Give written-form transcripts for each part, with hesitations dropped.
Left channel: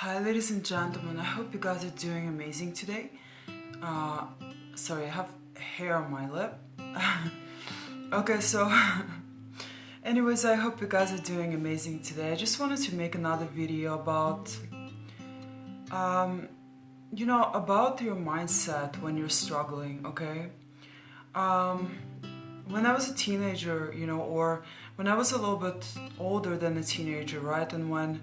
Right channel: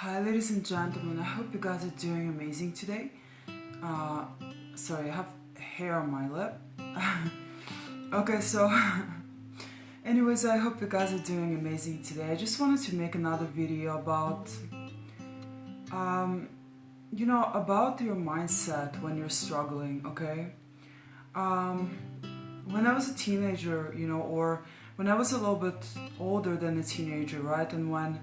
Hi ladies and gentlemen, I hope you guys are doing amazing today. Sorry, I have hair on my lip. Okay, so anyways, I hope you guys are doing amazing today. I just wanted to make another video about about your mindset when you're struggling, okay? When I was a teenager, or when I was a little bit older than a teenager, right? And when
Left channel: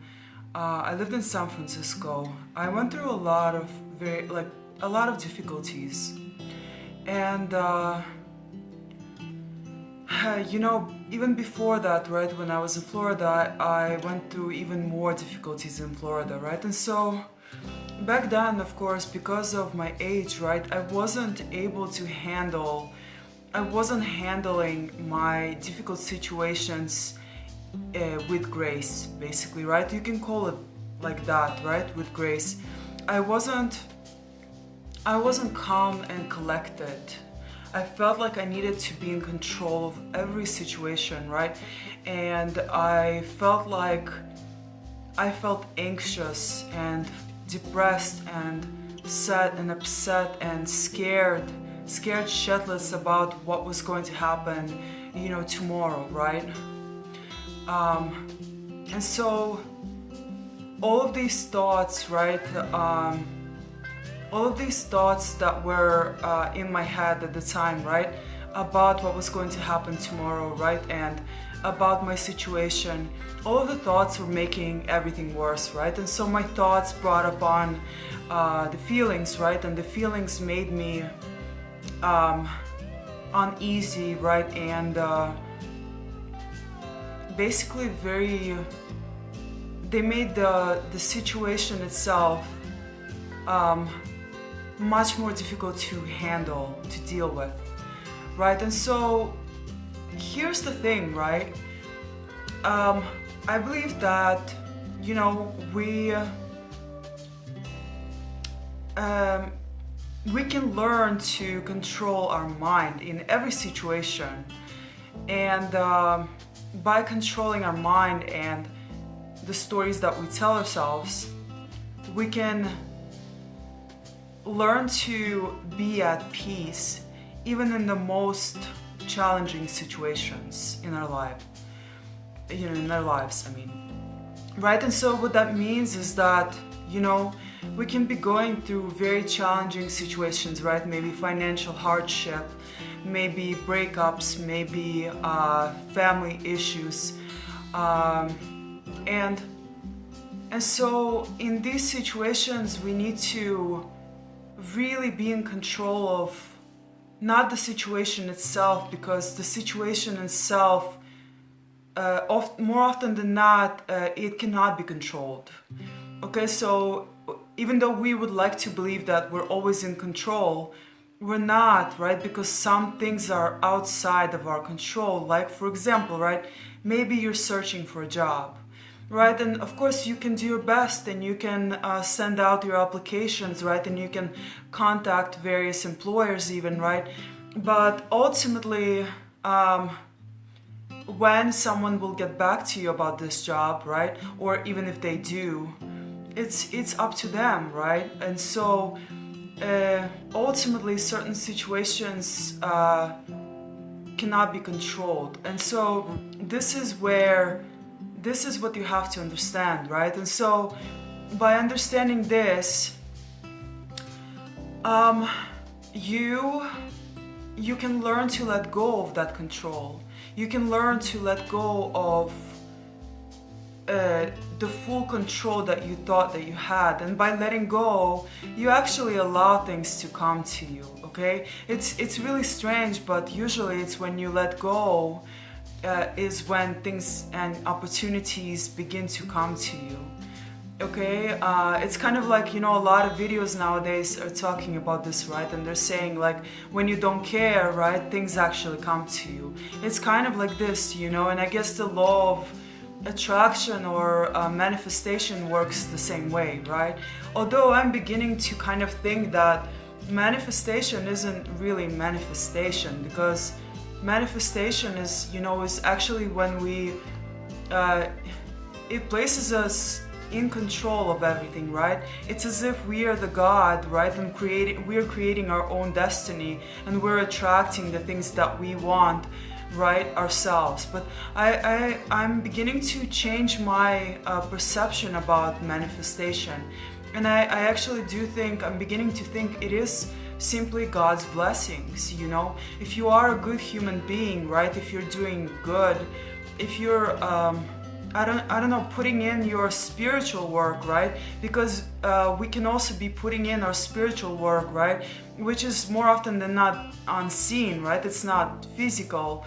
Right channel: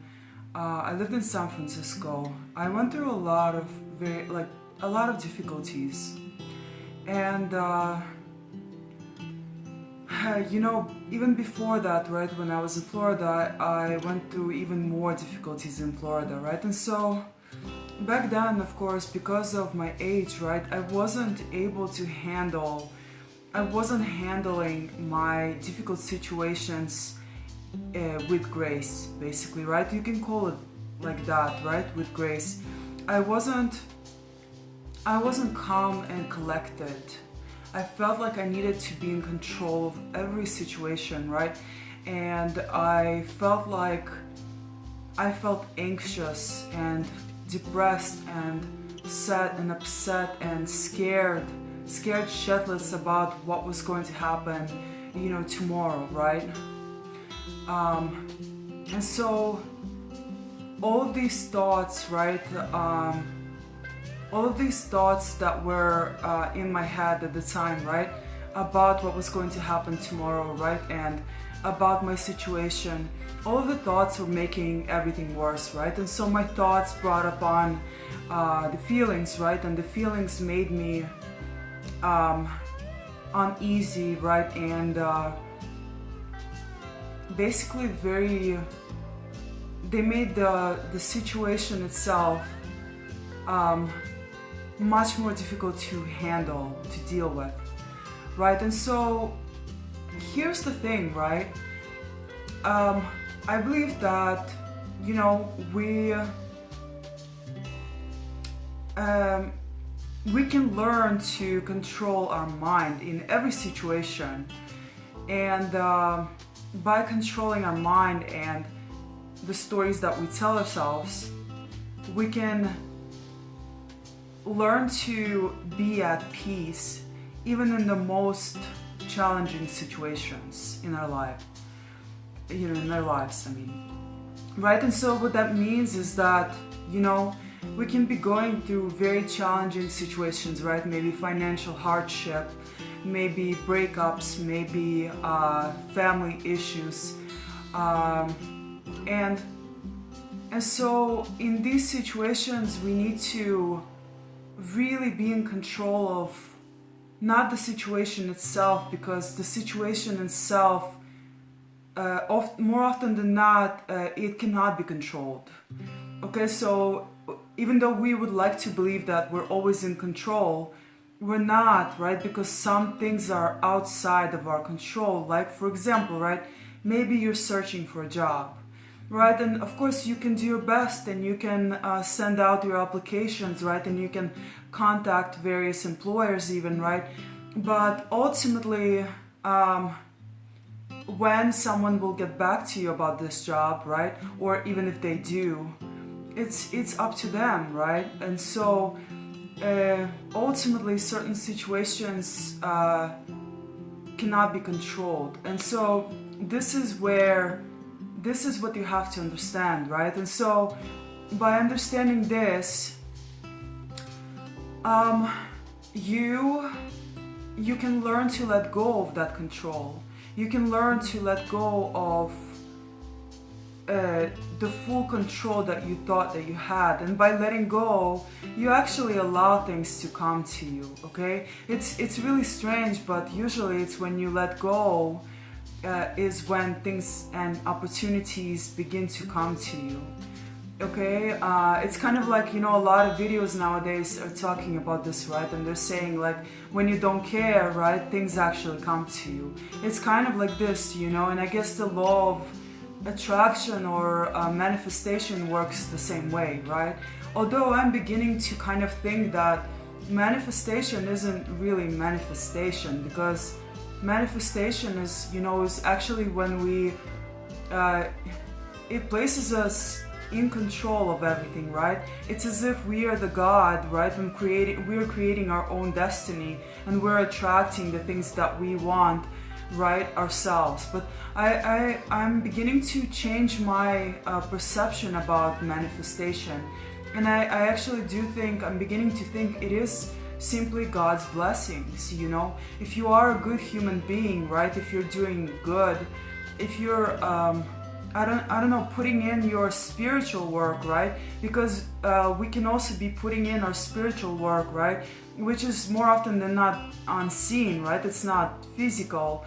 I lived in San Francisco, I went through a lot of difficulties, and even before that, right? When I was in Florida, I went through even more difficulties in Florida, right? And so back then, of course, because of my age, right, I wasn't handling my difficult situations with grace, basically, right? You can call it like that, right? With grace. I wasn't calm and collected. I felt like I needed to be in control of every situation, right? And I felt anxious and depressed and sad and upset and scared shitless about what was going to happen, tomorrow, right? And so all of these thoughts, right, all of these thoughts that were in my head at the time, right, about what was going to happen tomorrow, right, and about my situation, all of the thoughts were making everything worse, right? And so my thoughts brought upon the feelings, right, and the feelings made me uneasy, right, and basically they made the situation itself much more difficult to handle, to deal with, right? And so here's the thing, right? I believe that we can learn to control our mind in every situation, and by controlling our mind and the stories that we tell ourselves, we can learn to be at peace even in the most challenging situations in our lives, right? And so what that means is that, we can be going through very challenging situations, right? Maybe financial hardship, maybe breakups, maybe family issues, and so in these situations we need to really be in control of not the situation itself, because the situation itself more often than not it cannot be controlled. Okay, so even though we would like to believe that we're always in control, we're not, right? Because some things are outside of our control. Like, for example, right, maybe you're searching for a job, right? And of course you can do your best, and you can send out your applications, right? And you can contact various employers even, right? But ultimately, when someone will get back to you about this job, right? Or even if they do, it's up to them, right? And so ultimately certain situations cannot be controlled. And so this is what you have to understand, right? And so by understanding this, you can learn to let go of that control. You can learn to let go of the full control that you thought that you had, and by letting go, you actually allow things to come to you. Okay, it's really strange, but usually it's when you let go is when things and opportunities begin to come to you. Okay, it's kind of like, a lot of videos nowadays are talking about this, right? And they're saying, like, when you don't care, right, things actually come to you. It's kind of like this, and I guess the law of attraction or manifestation works the same way, right? Although I'm beginning to kind of think that manifestation isn't really manifestation, because manifestation is actually when we it places us in control of everything, right? It's as if we are the God, right? And we're creating our own destiny, and we're attracting the things that we want, right, ourselves. But I'm beginning to change my perception about manifestation, and I actually do think, I'm beginning to think it is simply God's blessings, you know. If you are a good human being, right, if you're doing good, if you're I don't know, putting in your spiritual work, right? Because we can also be putting in our spiritual work, right? Which is more often than not unseen, right? It's not physical.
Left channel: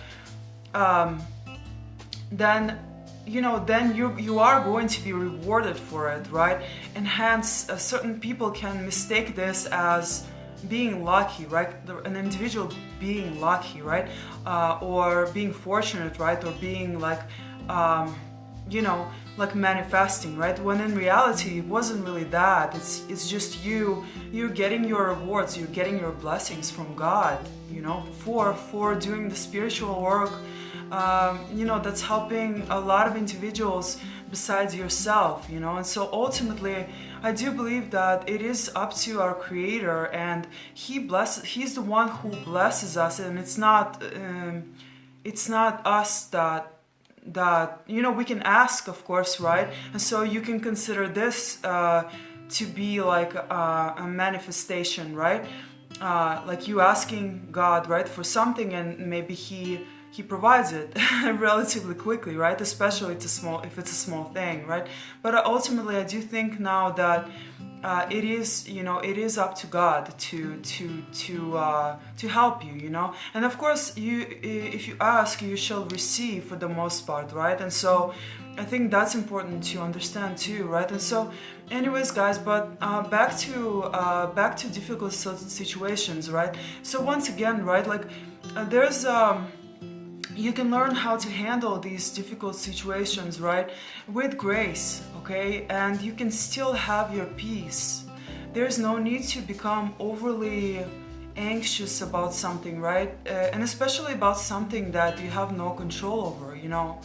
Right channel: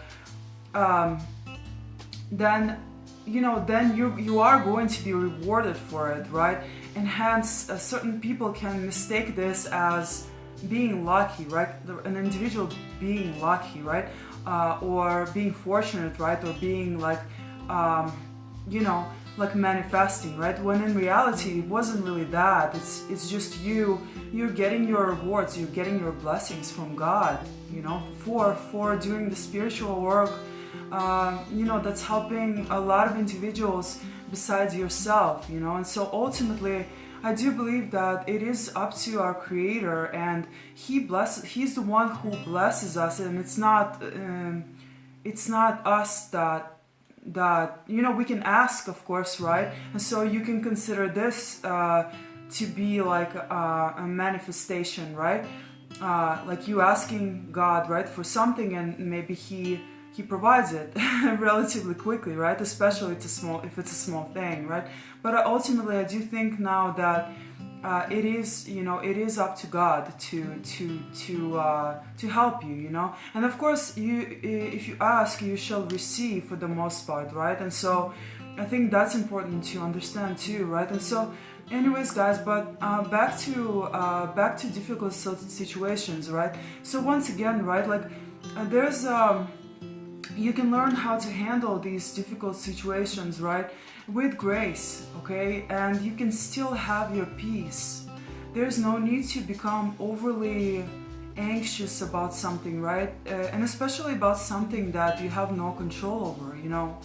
Then you are going to be rewarded for it, right? And hence, certain people can mistake this as being lucky, right? An individual being lucky, right? Or being fortunate, right? Or being like, like manifesting, right? When in reality, it wasn't really that. It's just you're getting your rewards, you're getting your blessings from God, you know, for doing the spiritual work. That's helping a lot of individuals besides yourself, you know. And so ultimately, I do believe that it is up to our Creator, and He's the one who blesses us, and it's not us that we can ask, of course, right? And so you can consider this to be like a manifestation, right? Like you asking God, right, for something, and maybe He provides it relatively quickly, right? Especially if it's a small thing, right? But ultimately, I do think now that it is up to God to help you, you know. And of course, if you ask, you shall receive for the most part, right? And so I think that's important to understand too, right? And so, anyways, guys, but back to difficult situations, right? So once again, right, like there's you can learn how to handle these difficult situations, right, with grace, okay? And you can still have your peace. There's no need to become overly anxious about something, right? And especially about something that you have no control over, you know.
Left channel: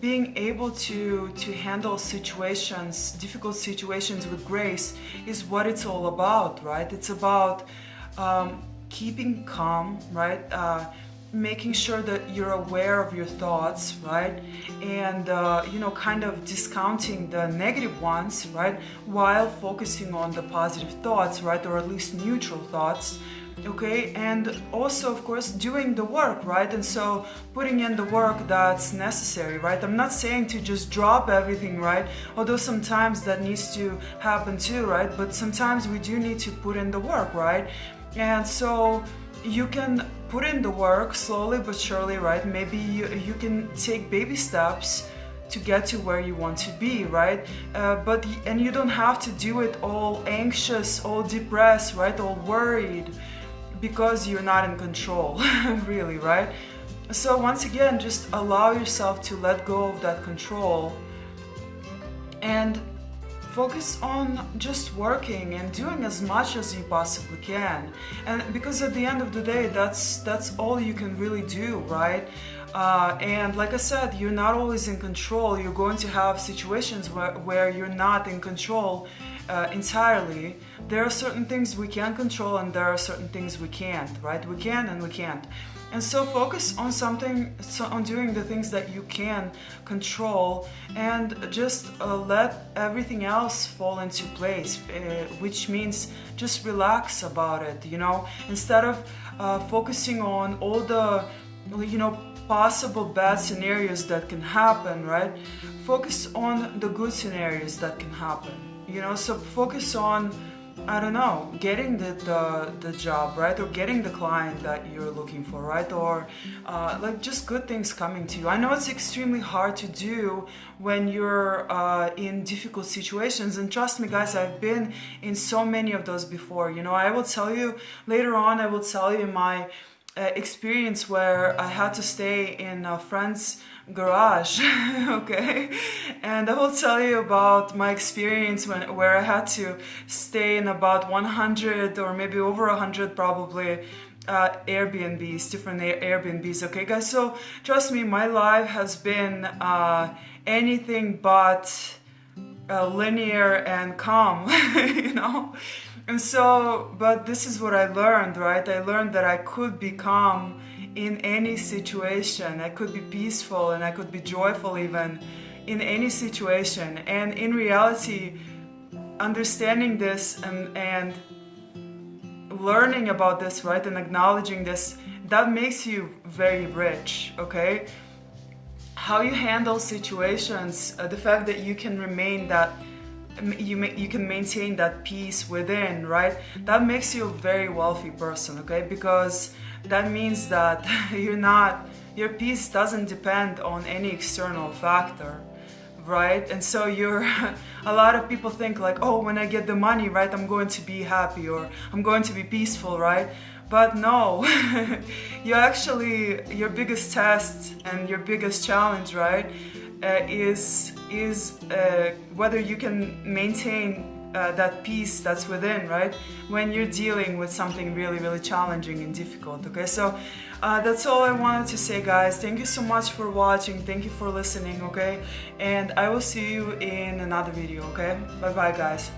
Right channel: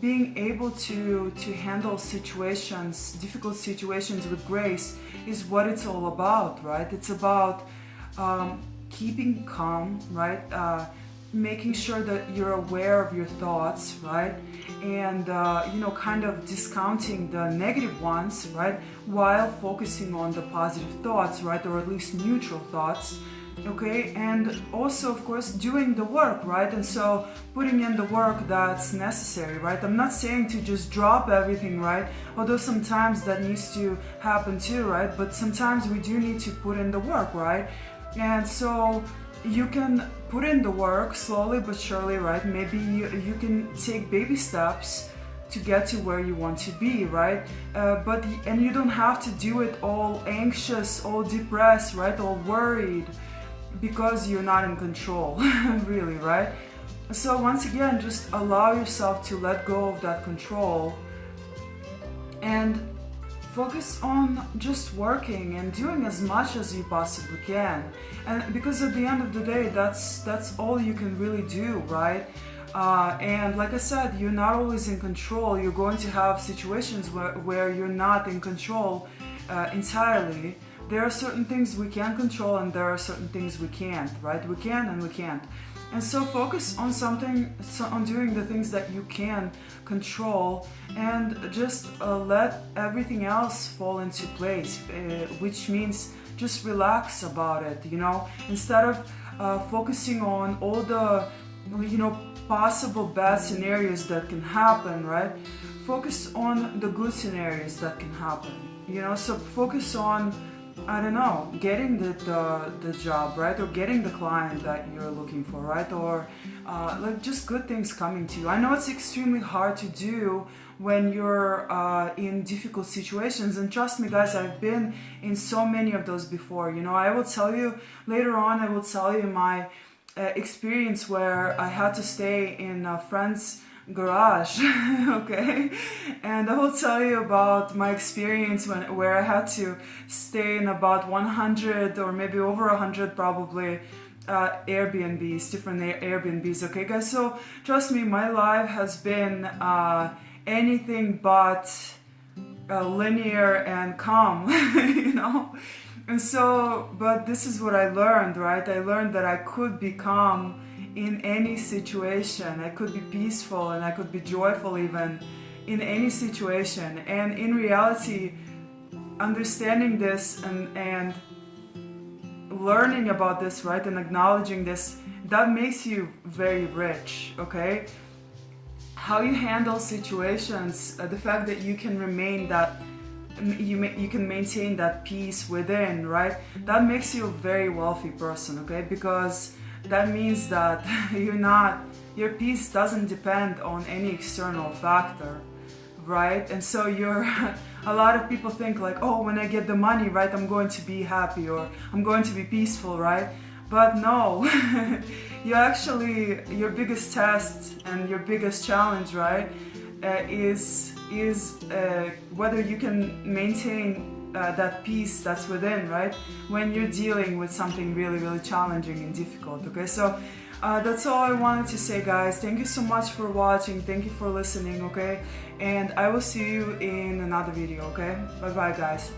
Being able to handle difficult situations with grace is what it's all about, right? It's about keeping calm, right? Making sure that you're aware of your thoughts, right? And, kind of discounting the negative ones, right? While focusing on the positive thoughts, right? Or at least neutral thoughts, okay? And also, of course, doing the work, right? And so putting in the work that's necessary, right? I'm not saying to just drop everything, right? Although sometimes that needs to happen too, right? But sometimes we do need to put in the work, right? And so you can put in the work slowly but surely, right? Maybe you can take baby steps to get to where you want to be, right? And you don't have to do it all anxious, all depressed, right? All worried, because you're not in control, really, right? So once again, just allow yourself to let go of that control and focus on just working and doing as much as you possibly can. And because at the end of the day, that's all you can really do, right? And like I said, you're not always in control. You're going to have situations where you're not in control entirely. There are certain things we can control, and there are certain things we can't, right? We can and we can't. And so focus on on doing the things that you can control, and just let everything else fall into place, which means just relax about it, you know, instead of focusing on all the, possible bad scenarios that can happen, right? Focus on the good scenarios that can happen, you know, so focus on, I don't know, getting the job, right? Or getting the client that you're looking for, right? Or like just good things coming to you. I know it's extremely hard to do when you're in difficult situations. And trust me, guys, I've been in so many of those before. You know, I will tell you later on, I will tell you my experience where I had to stay in a friend's garage, okay? And I will tell you about my experience where I had to stay in about 100 or maybe over 100 probably Airbnbs, different Airbnbs, okay guys? So trust me, my life has been anything but linear and calm, you know? And so, but this is what I learned, right? I learned that I could be calm in any situation. I could be peaceful and I could be joyful even in any situation. And in reality, understanding this and learning about this, right, and acknowledging this, that makes you very rich, okay? How you handle situations, the fact that you can remain that, you can maintain that peace within, right? That makes you a very wealthy person, okay? Because that means that your peace doesn't depend on any external factor, right? And so a lot of people think like, oh, when I get the money, right, I'm going to be happy or I'm going to be peaceful, right? But no, your biggest test and your biggest challenge, right, is whether you can maintain that peace that's within, right, when you're dealing with something really, really challenging and difficult, okay? So that's all I wanted to say, guys. Thank you so much for watching. Thank you for listening, okay? And I will see you in another video, okay? Bye-bye, guys.